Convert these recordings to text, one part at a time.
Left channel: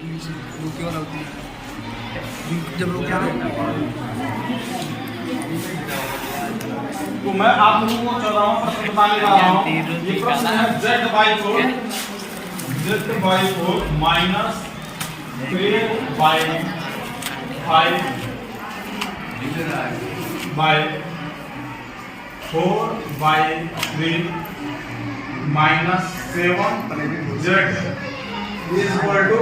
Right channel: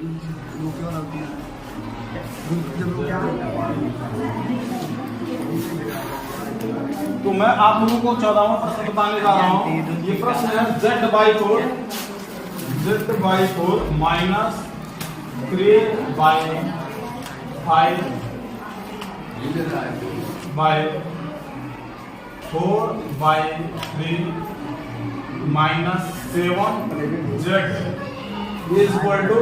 रोके वाला होती है जब रोके तो मैं आप लोगों को 14वां प्रश्न बताने जा रहा हूँ। ये प्रश्न है z/4 minus 3/5/4/3 minus 7z is equal to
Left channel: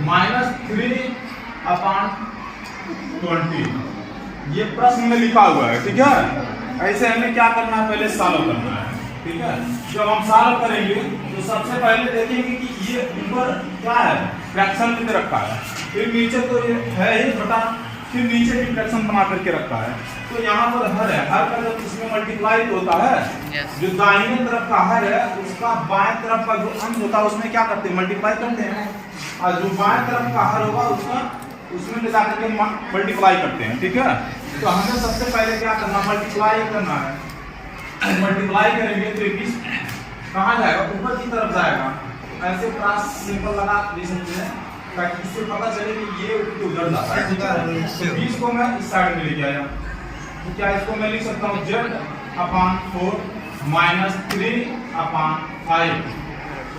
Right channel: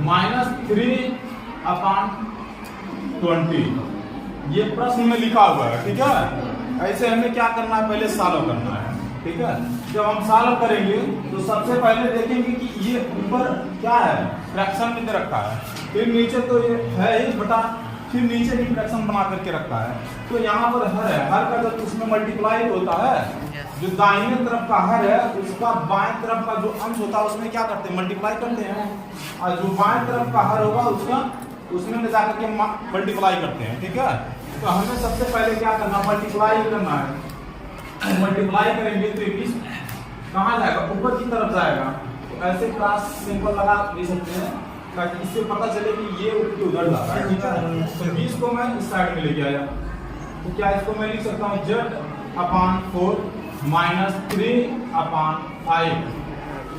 -3/20। ये प्रश्न में लिखा हुआ है, ठीक है। ऐसे हमें क्या करना है, पहले सॉल्व करना है, ठीक है। जब हम सॉल्व करेंगे तो सबसे पहले देखेंगे कि ये ऊपर क्या है, फ्रैक्शन की तरह रखा है, फिर नीचे तो ये है ही छोटा, फिर नीचे भी फ्रैक्शन बना करके रखा है। तो यहाँ पर हर है, हर का जब उसमें मल्टीप्लाई होता है, जो दाहिने तरफ का हर है उसका बाएं तरफ का जो अंश होता है उसमें क्या करते हैं, मल्टीप्लाई करते हैं, और जो बाएं तरफ का हर होगा उसका उसमें ले जाकर के मल्टीप्लाई करते हैं, ठीक है। तो हमें सबसे पहले क्या करना, मल्टीप्लाई करना है। मल्टीप्लाई करेंगे तो 20 कहाँ जाएगा, ऊपर की तरफ जाएगा। तो ऐसे क्रॉस सिंबल लगा दे सकते हैं ताकि इससे पता चले कि ये उधर जाता है, ठीक है। तो 20 को मैं इस साइड में लेके आया, तो क्या इसको मैं लिख सकता हूँ z/4 माइनस 3/5।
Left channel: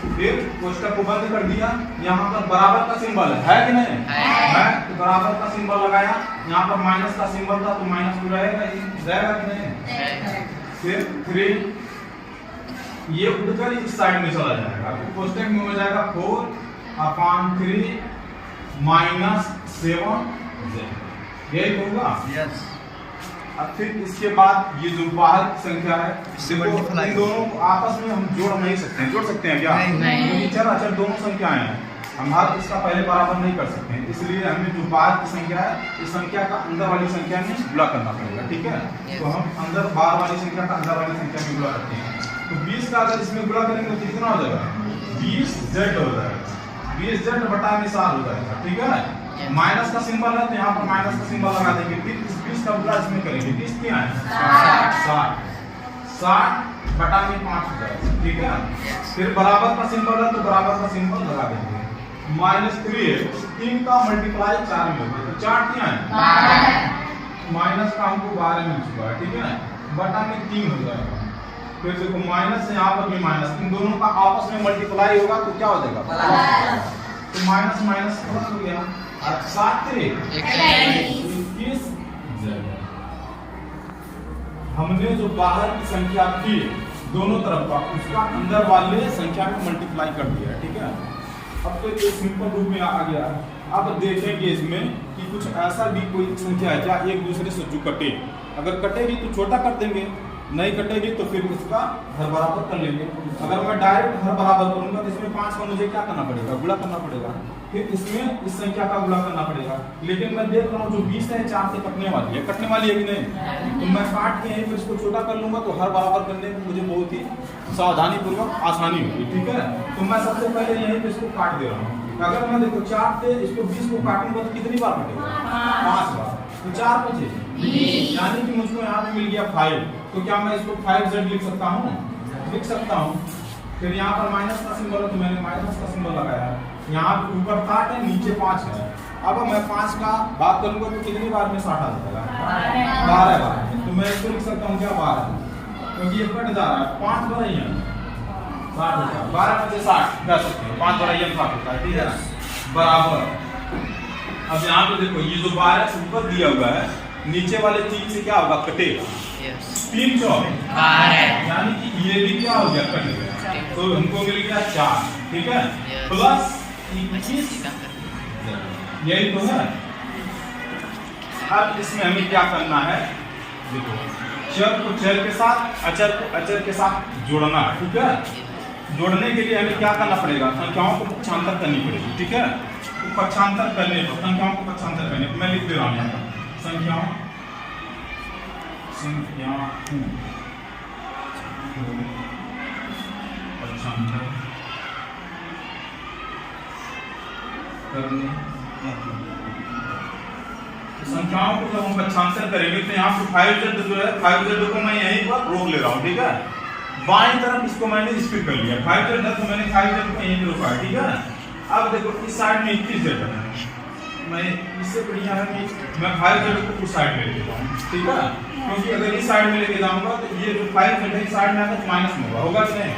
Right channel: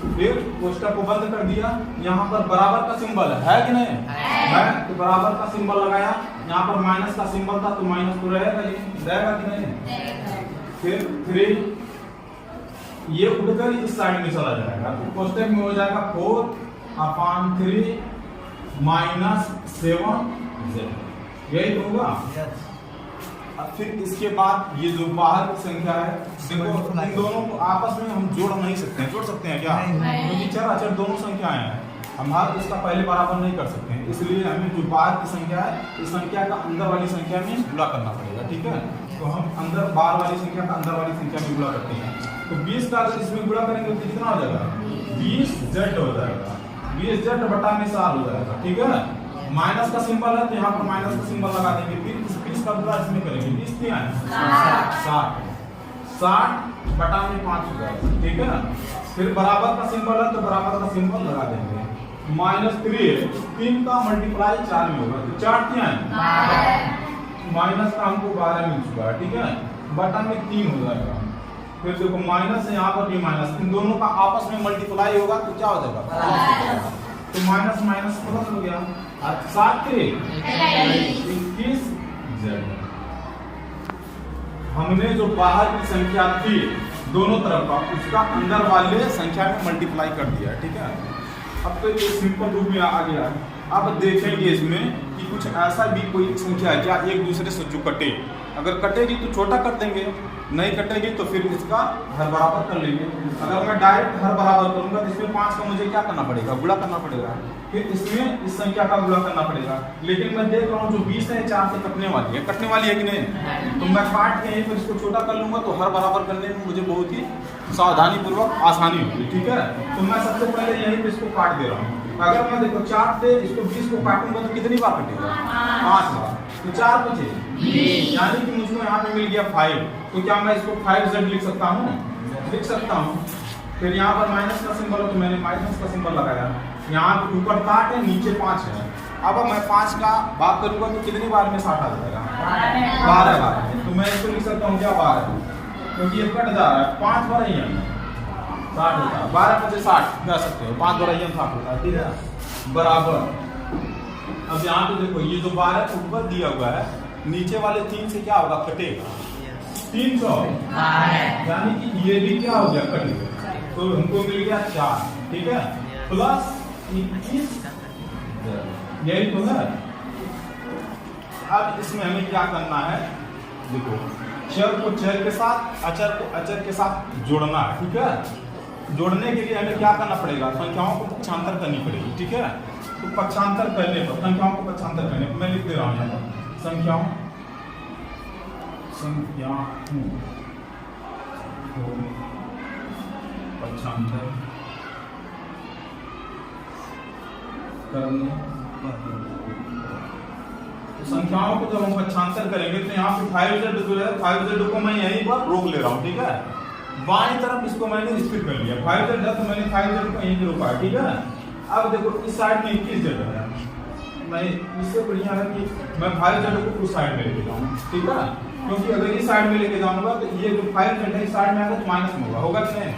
फिर कोष्टक को बंद कर दिया। यहाँ पर बराबर का सिंबल है कि नहीं है, तो बराबर का सिंबल लगाया। यहाँ पर माइनस का सिंबल था तो माइनस तो रहेगा ही, रहेगा कि नहीं। फिर 3 ये उड़कर इस साइड में चला जाएगा, तो कोष्टक में हो जाएगा 4/3 माइनस 7z, यही तो होगा। फिर इसके बाद ये जो बाहर की संख्या है, देखो इन दोनों को आपस में हम जोड़ नहीं सकते हैं, जोड़ सकते हैं क्या, क्योंकि चर अचर दोनों संख्याएं हैं, हम हर इसका पहले बराबर नहीं कर सकते हैं। इसलिए हमें जो बाहर की संख्या है इस संख्या का अंदर वाली संख्या में गुणा करना पड़ेगा, ठीक है। तो हम अंदर बाहर वाली संख्या का अंदर वाली संख्या में गुणा करते हैं। तो 20 का अगर इसमें गुणा करेंगे तो कितना हो जाएगा, 20z हो जाएगा, 20z/4 हो जाएगा, ठीक है ना। माइनस का सिंबल है तो यहाँ पर माइनस का सिंबल लगा देंगे। फिर 20 का गुणा इसमें करेंगे, 20 क्या है 60/5 हो जाएगा, ठीक है। फिर बराबर का सिंबल है तो बराबर का सिंबल लगा देंगे। -3 है, 3 का मल्टीप्लाई 4 में होगा, तो 4 क्या है माइनस का हमको 12 मिल चुका है, ठीक है। बटा में 3 हो जाएगा। फिर देखो माइनस यहाँ पर भी माइनस, इन दोनों का आपस में मल्टीप्लाई होगा तो क्या हो जाएगा, तो माइनस माइनस प्लस हो गया। 7×3=21। हमने जो बाहर की संख्या थी दोनों तरफ का उसका अंदर वाले संख्या में मल्टीप्लाई कर दिया, ठीक है। अब तो ये सिंपल रूप में आ गया है। अब देखेंगे इसमें कि कुछ ऐसा भी कोई संख्या है क्या एक दूसरे से जो कटे, अगर कटेगी तो छोटा कर देंगे, नहीं कटेगी तो फिर उसका हर बराबर कर लेंगे। अगर मैं डायरेक्ट हर बराबर करूंगा तो इसमें 5 का मुझे क्या करना पड़ेगा, गुणा करना पड़ेगा, फिर इसमें इस संख्या का गुणा करना पड़ेगा। लेकिन मैं देख रहा हूँ जो 20 है 4 से कटने वाली है कि नहीं, तो मैं काट के यहीं पर इसको छोटा कर लूंगा तो हर बराबर करने में मुझे बहुत ही सावधानी पूर्वक आसानी होगी, ठीक है। तो मैं सबसे पहले यहीं पे इसको काट दे रहा हूँ। अगर मैं देखो 4 से इसको 20 को काटूंगा तो कितनी बार कटेगा, 5 बार, तो 4 बचे 20, यानी कि मुझको यहाँ पे मिल गया 5। तो क्या मैं इसको 5z लिख सकता हूँ, लिख सकता हूँ। फिर यहाँ पर माइनस का सिंबल है तो मैंने माइनस का सिंबल लगाया। यहाँ पे ऊपर 60 है नीचे 5 है। अब मैं 5 का बात करूंगा तो कितनी बार में 60 आ जाएगा, 12 बार। तो मैं इसको लिख सकता हूँ क्या 12, क्योंकि ये कट जा रहा है, 5 बार ही 60 होता है, 12 में से 60 कह सकते हैं, 5 बार 60 होता है, ठीक है, बराबर। अब यहाँ पे देखो ये जो 12 ऊपर दिया हुआ है, नीचे वाले 3 से क्या होगा, कटेगा, 3 4 यानी कि ये भी क्या हो गया, कट गया। तो हमको मिल गया 4, ठीक है, प्लस 21, यही तो है। अब इसमें हमें क्या करना है, देखो चर को चर के साथ, अचर को अचर के साथ जोड़ना, ठीक है। जोड़ने के लिए हमें क्या करना पड़ेगा, संख्याओं को पक्षांतर करनी पड़ेगी, ठीक है। तो पक्षांतर करने पर संख्याओं को पक्षांतर करने पर मैं लिख दे रहा हूँ यहाँ पर संख्याओं पक्षांतर करने। तो संख्याओं को जब हम पक्षांतर करेंगे तो यहाँ पर 5z जो है 5z को मैं यहीं पर रोक ले रहा हूँ, ठीक है। बाईं तरफ इसको मैंने स्प्लिट कर लिया, 5z है तो मैंने 5z को यहीं पे रोका है, ठीक है। अब देखो इस साइड में 21 जेड है, मैं इससे बढ़िया है कि मैं 5 जेड को उस साइड में लेके जाऊँ, ठीक है, क्योंकि अगर इस साइड में लेके जाऊंगा तो ये जो 5 जेड है इस साइड में आएगा तो माइनस में होगा कि नहीं,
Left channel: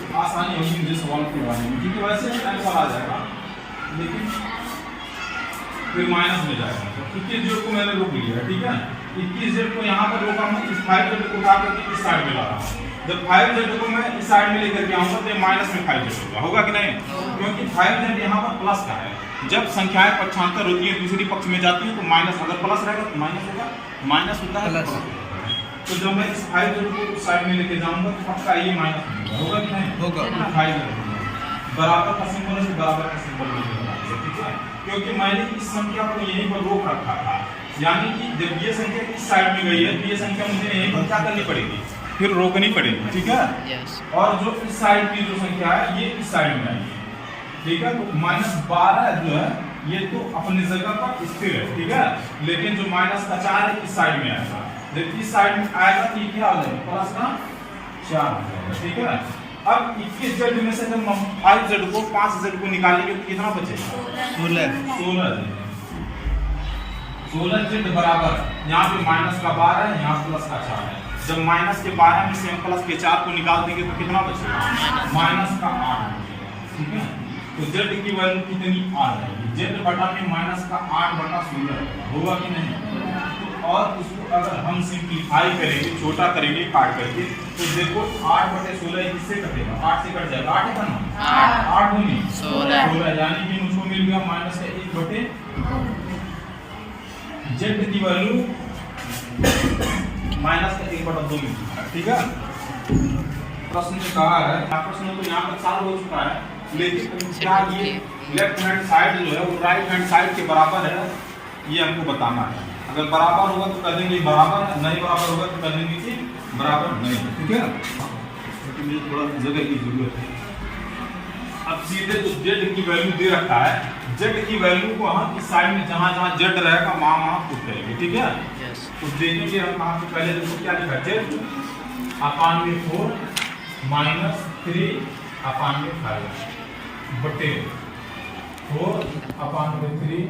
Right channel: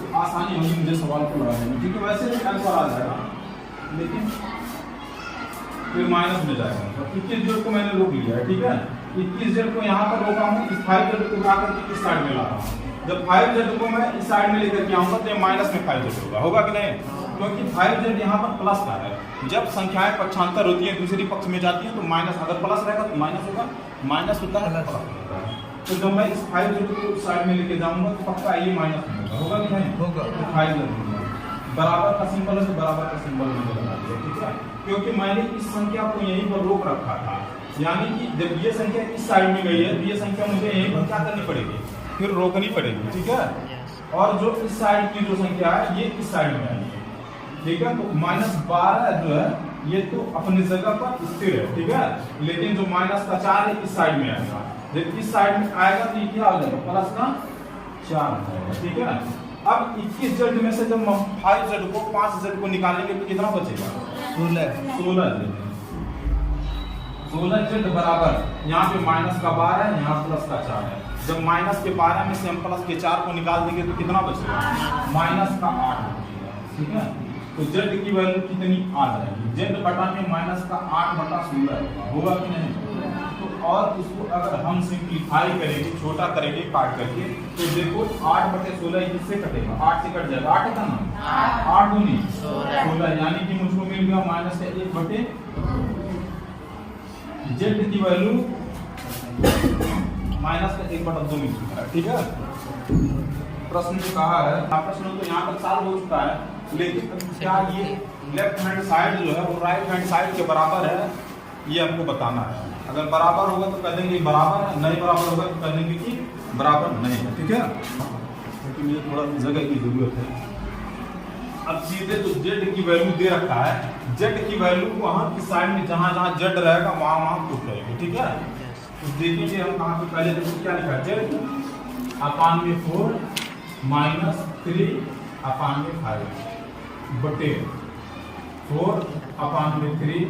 तो आसानी होगी मुझे सवाल को लगाने में, क्योंकि वैसे ही आंसर आ जाएगा लेकिन फिर माइनस में जाएगा। 21 जेड को मैंने रोक लिया है, ठीक है, 21 जेड को यहाँ पर रोका हूँ, इस 5 जेड को उठा करके इस साइड में ला रहा हूँ। जब 5 जेड को मैं इस साइड में लेकर के आऊंगा तो ये माइनस में 5 जेड होगा कि नहीं, क्योंकि 5 जेड यहाँ पर प्लस का है। जब संख्याएं पक्षांतर होती है दूसरी पक्ष में जाती है तो माइनस, अगर प्लस रहेगा तो माइनस होगा, माइनस होता है प्लस होता है। तो जब मैं इस 5 जेड को साइड में लेके जाऊंगा तो पक्का ये माइनस होगा कि नहीं होगा। 5 जेड बराबर का सिंबल है, बराबर का सिंबल नहीं, ठीक है, क्योंकि मैंने इस संख्या को यहीं पर रोक रखा था, यानी कि जब ये संख्या इस साइड में गई है तो ये संख्या मुझे यहीं पर क्या करनी पड़ेगी, फिर रोकनी पड़ेगी, ठीक है। और जो इस साइड की जो संख्या है ये इस साइड में आएगी, ठीक है, तो -12 जो है ये तो अपनी जगह पर स्थिर है, ठीक है, लेकिन जो -4 है इस साइड में आएगा। जब इस साइड में आएगा तो ये क्या हो जाएगा, प्लस का 4 हो जाएगा, ठीक है। अब 21 जेड में से जब हम 5 जेड को 5 जेड को निकालेंगे तो कितना बचेगा, 16 जेड बराबर, यहाँ पे -12 है, यहाँ प्लस का 4 है। जब -12 में से हम प्लस के 4 को निकाल देंगे तो कितना बचेगा, -8 बचेगा, ठीक है। तो जेड की वैल्यू कितनी आ जाएगी, जेड बटा में -8/16 होगा कि नहीं। तो और इसको अगर हम सिंप्लीफाई करेंगे, छोटा करेंगे काट करके, तो देखो 8/16 इससे कटेगा, 8 से कट जाएगा, 8 का नाम 8 दूनी 16, यानी कि मुझको मिल गया -1/, जेड की वैल्यू -1/2 मिल चुका है, ठीक है। प्रश्न जो कहा है, प्रश्न तो यहाँ तक सॉल्व हो चुका है, लेकिन क्या ये लेफ्ट हैंड साइड जो है वो राइट हैंड साइड के बराबर है, ये हमको बताना है। अगर बराबर होगा तो कह देंगे बराबर है, नहीं बराबर होगा तो कह देंगे कि बराबर नहीं है, ठीक है, क्योंकि मुझे थोड़ा जगह की जरूरत है। अब सीधे जो जेड की वैल्यू दे रखा है, जेड की वैल्यू को हम इस साइड में जहां जहां जेड रहेगा वहां पुट करेंगे, ठीक है। तो देखेंगे हम कहां पे, पहले देखो क्या लिखा है, जेड /4 -3/5 बटे 4/3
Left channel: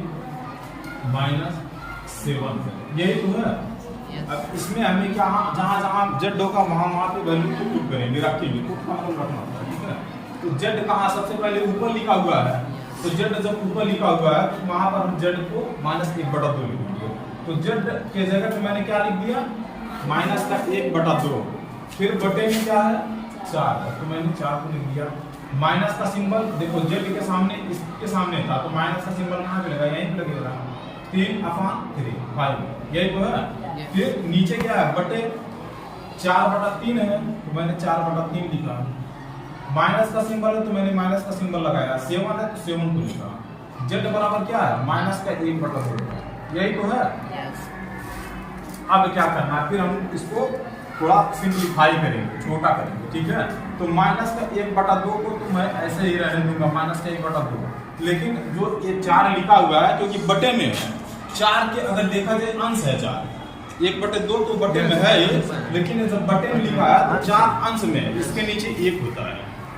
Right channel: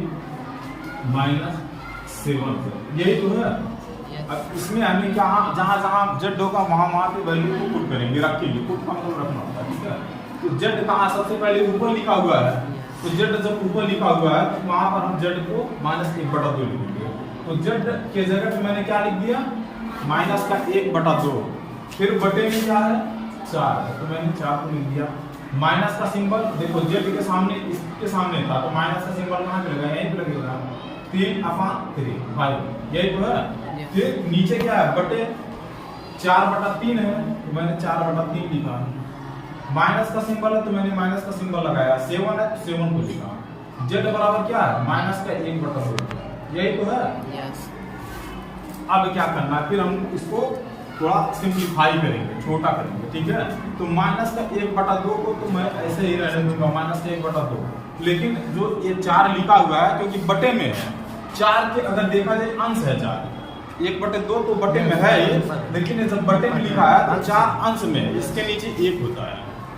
-7, यही तो है। अब इसमें हमें क्या, जहां जहां जेड होगा वहां पे वैल्यू को पुट करेंगे, रखेंगे, पुट का मतलब रखना होता है, ठीक है। तो जेड कहाँ सबसे पहले ऊपर लिखा हुआ है, तो जेड जब ऊपर लिखा हुआ है तो वहां पर हम जेड को -1/2 लिखेंगे। तो जेड के जगह पे मैंने क्या लिख दिया, -1/2, फिर बटे में क्या है 4 है, तो मैंने 4 को लिख दिया। माइनस का सिंबल देखो जेड के सामने, इसके सामने था, तो माइनस का सिंबल कहाँ पे लगा, यहीं पे लगेगा, 3/3 5, यही तो है। फिर नीचे क्या है, बटे 4/3 है, तो मैंने 4/3 लिखा। माइनस का सिंबल है तो मैंने माइनस का सिंबल लगाया, 7 है तो 7 को लिखा। जेड बराबर क्या है, -1/2, यही तो है। अब क्या करना है, फिर हम इसको थोड़ा सिंप्लीफाई करेंगे, छोटा करेंगे, ठीक है। तो -1/2 को तो मैं ऐसे ही रहने दूंगा, -1/2, लेकिन जो ये 4 लिखा हुआ है क्योंकि बटे में है, 4 के अगर देखा जाए अंश है 4, 1/2 तो बटे में है ये, लेकिन जब बटे में लिखा है तो 4 अंश में, इसके नीचे 1 होता है,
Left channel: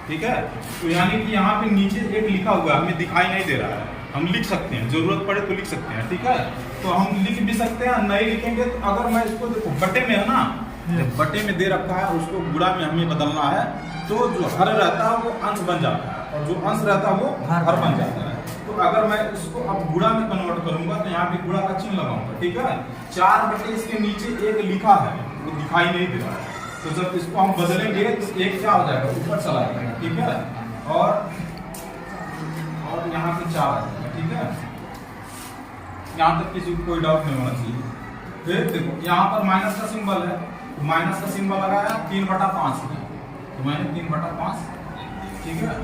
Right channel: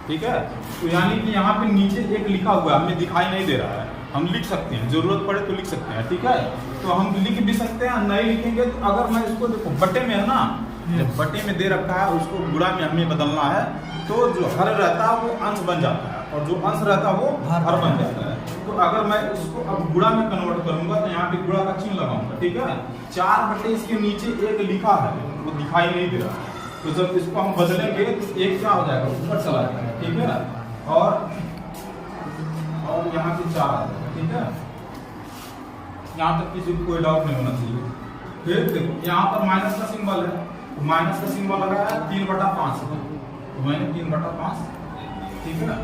ठीक है। तो यानी कि यहाँ पे नीचे 1 लिखा हुआ है, हमें दिखाई नहीं दे रहा है, हम लिख सकते हैं, जरूरत पड़े तो लिख सकते हैं, ठीक है। तो हम लिख भी सकते हैं, नहीं लिखेंगे तो अगर मैं इसको देखो बटे में है ना, जब बटे में दे रखा है उसको गुणा में हमें बदलना है, तो जो हर रहता है वो अंश बन जाता है और जो अंश रहता है वो हर बन जाता है। तो अगर मैं इसको अब गुणा में कन्वर्ट करूंगा तो यहाँ पे गुणा का चिन्ह लगाऊंगा, ठीक है। 4 बटे इसके नीचे 1 लिखा है, वो दिखाई नहीं दे रहा है, तो जब इसको हम बदलेंगे तो 1 क्या हो जाएगा, ऊपर चला जाएगा, ठीक है, और यहाँ पे 4 आ जाएगा, ठीक है। यहाँ तक किसी को कोई डाउट नहीं होना चाहिए। फिर देखो यहाँ पर माइनस का सिंबल है, तो माइनस का सिंबल लगाया, 3/5 है, तो मैंने 3/5, ठीक है।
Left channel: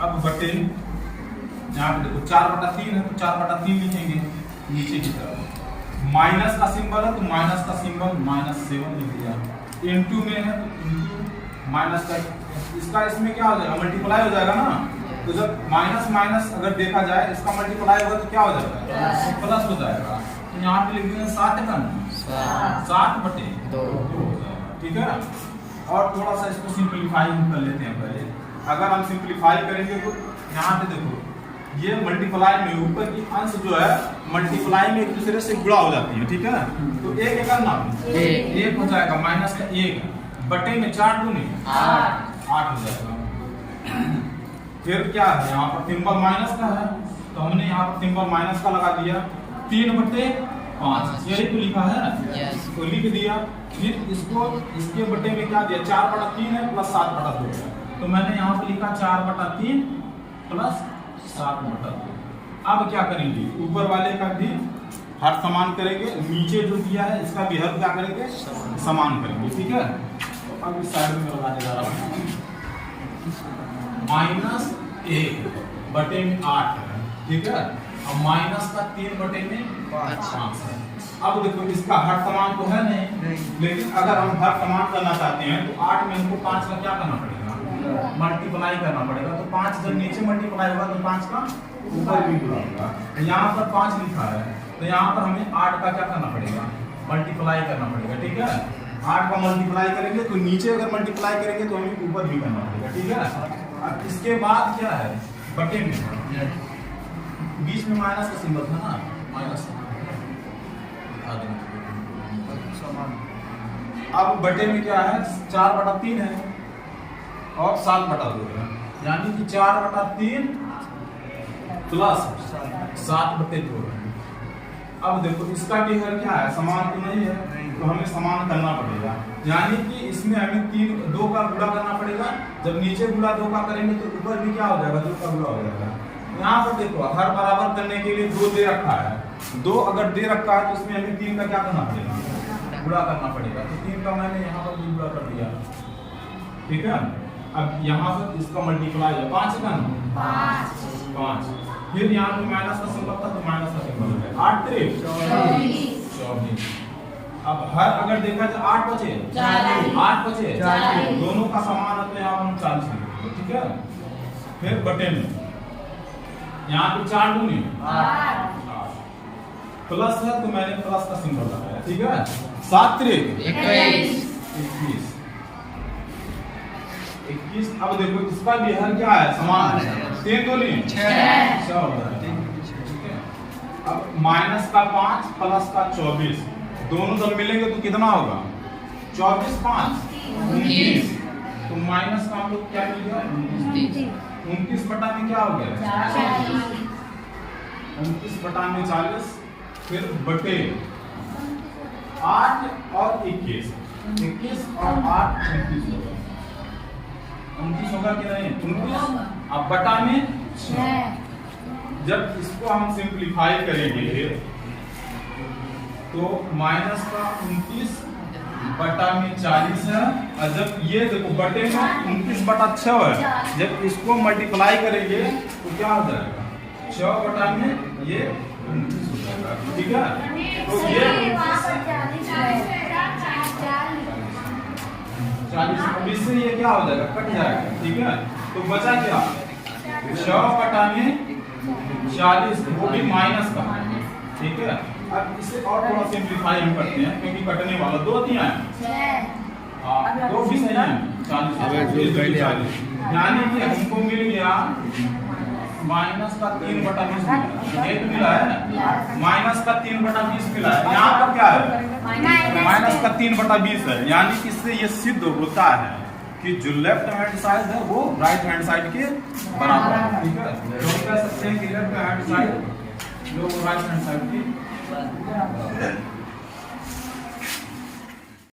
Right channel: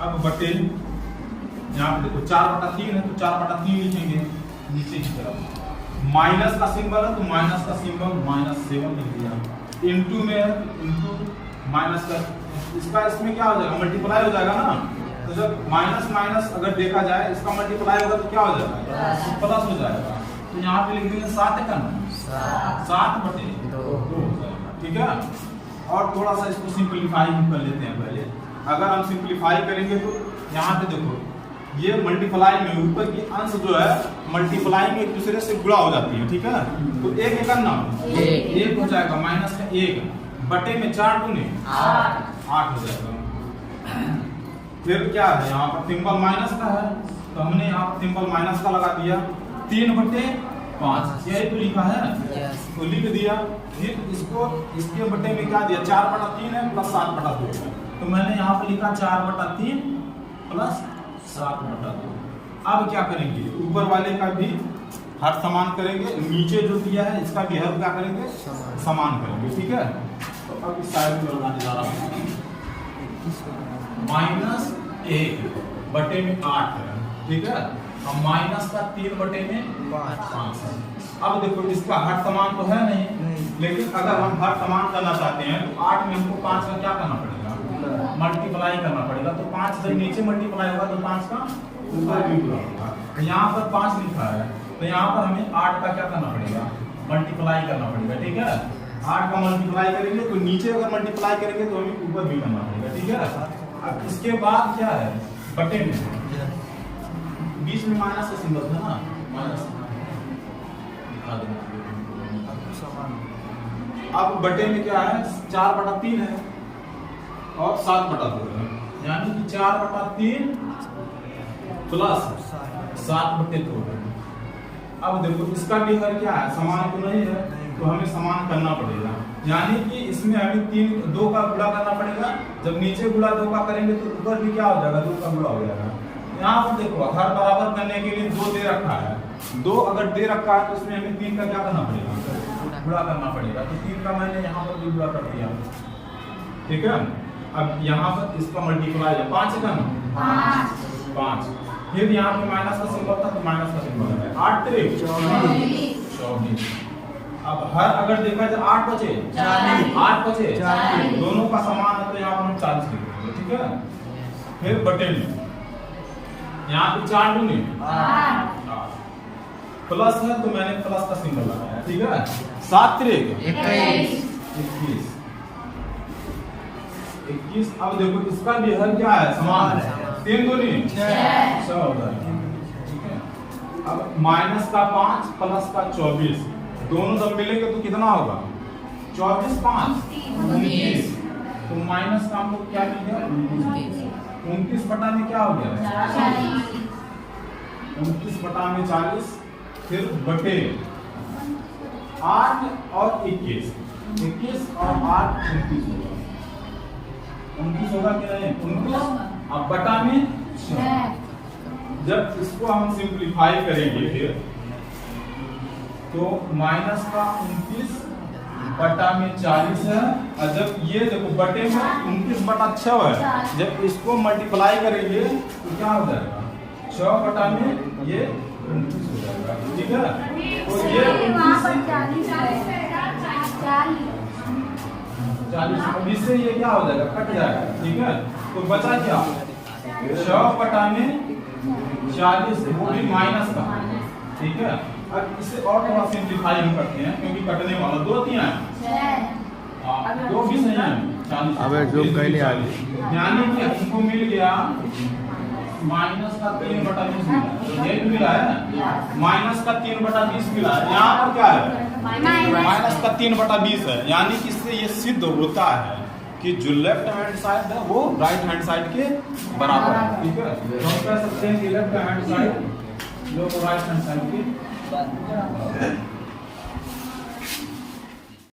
अब बटे यहाँ पे देखो 4/3 है, तो 4/3 लिखेंगे नीचे की तरफ। माइनस का सिंबल है तो माइनस का सिंबल -7 लिख दिया। इनटू में है तो इनटू माइनस का, इसका इसमें क्या हो जाएगा, मल्टीप्लाई हो जाएगा ना। तो जब माइनस माइनस अगर देखा जाए, इसका मल्टीप्लाई होगा तो क्या हो जाएगा, प्लस हो जाएगा। तो यहाँ पे लिख देंगे 7 का 7/2 हो जाएगा, ठीक है। और थोड़ा सा इसको सिंपलीफाई भी कर लेते हैं पहले। अगर हम सिंपलीफाई करेंगे तो यहाँ पे देखो ये मल्टीप्लाई में ऊपर की अंश जो है मल्टीप्लाई में एक दूसरे से गुणा हो जाती है, ठीक है। तो एक एक करना एक हो जाएगा माइनस का 1 बटे में 4 दूनी 8 हो जाएगा। फिर क्या है यहाँ पर सिंबल माइनस का है तो हमने यहाँ पर सिंबल माइनस का लगा दिया 3/5 यही तो लिखा है ना, तो लिख दिया। फिर इसको इसके बटे में क्या दिया 4/3 है प्लस 7/2 है, तो मैंने यहाँ पर लिखा 4/3 प्लस 7/2। अब क्या करेंगे ऊपर वाले का भी हर समान करेंगे, नीचे जो दिया है इसका भी हर क्या करेंगे समान करेंगे, ठीक है। तो अब इस साइड में लगाने जा रहा हूँ -1 बटे में 8 है, ठीक है। अब माइनस का 3 बटे में 5 है। अब देखो इसका हर समान तो है नहीं, लेकिन अगर हम हर समान करना चाहते हैं तो 8 में हमको 5 का क्या करना पड़ेगा मल्टीप्लाई करना पड़ेगा। तो 5 जब नीचे मल्टीप्लाई होगा तो 5 का ऊपर भी होगा। तो यहाँ पर 5 लिखा है तो यहाँ पर हमें 8 का क्या करना पड़ेगा मल्टीप्लाई करना पड़ेगा, ठीक है। 8 का मल्टीप्लाई करेंगे तो नीचे अगर मल्टीप्लाई करेंगे तो हमें ऊपर भी करना पड़ेगा, ठीक है। अब इसके बाद क्या है बटे में बीच में माइनस का सिंबल था ना, माइनस। अब बटे में क्या है 4/3 है और 7/2 है, यानी कि 4/3 प्लस 7/2 है। अब देखो इसका भी हर क्या है समान तो नहीं है, तो हमें समान करना पड़ेगा, यानी कि इसमें हमें 2 का गुणा करना पड़ेगा। जब नीचे गुणा 2 का करेंगे तो ऊपर भी क्या हो जाएगा 2 का गुणा हो जाएगा। यहाँ पर देखो हर बराबर करने के लिए 2 दे रखा है, 2 अगर दे रखा है तो इसमें हमें 3 का क्या करना पड़ेगा गुणा करना पड़ेगा। तो 3 का मैंने यहाँ पर भी गुणा कर दिया, ठीक है। अब यहाँ पर इसका मल्टीप्लाई है 5 का ना 5, फिर यहाँ पे माइनस का सिंबल था तो माइनस का सिंबल है 8 3 24। अब हर अगर देखा जाए 8 बचे 40 दोनों का समान है तो यहाँ पर हम 40 लिखेंगे, ठीक है। फिर बटे में यहाँ पे 4 दूनी प्लस है तो मैंने प्लस का सिंबल लगाया, ठीक है। 7 3 21। अब देखो इसका भी हर क्या है समान है 3 दूनी 6 होता है, ठीक है। अब माइनस का 5 प्लस का 24 दोनों जब मिलेंगे तो कितना होगा 24 5 29। तो माइनस का हम लोग क्या मिलेगा 29 बटा में क्या हो गया 29 बटा में 40। फिर बटे 8 और 21 और 8 29 होगा 29 होगा कि नहीं 29। अब बटा में 6। जब इसको हम सिंपलीफाई करेंगे तो माइनस का 29 बटा में 40 है, और जब ये देखो बटे में 29/6 है, जब इसको मल्टीप्लाई करेंगे तो क्या हो जाएगा 6 बटा में ये 29 हो जाएगा, ठीक है। तो ये 40 इससे ये क्या हो जाएगा कट जाएगा, ठीक है। तो बचा क्या 6 बटा में 40 वो भी माइनस का, ठीक है। अब इसे और थोड़ा सिंपलीफाई हम करते हैं क्योंकि कटने वाला 2 3 है 2 भी नहीं है 40, यानी कि हमको मिल गया माइनस का 3/20 मिला, ये मिला है ना माइनस का 3/20 मिला है। यहाँ पर क्या है माइनस का 3/20 है, यानी कि इससे ये सिद्ध होता है कि जो लेफ्ट हैंड साइड है वो राइट हैंड साइड के बराबर है, ठीक है। तो हम कह सकते हैं कि लेफ्ट हैंड साइड जो राइट हैंड साइड की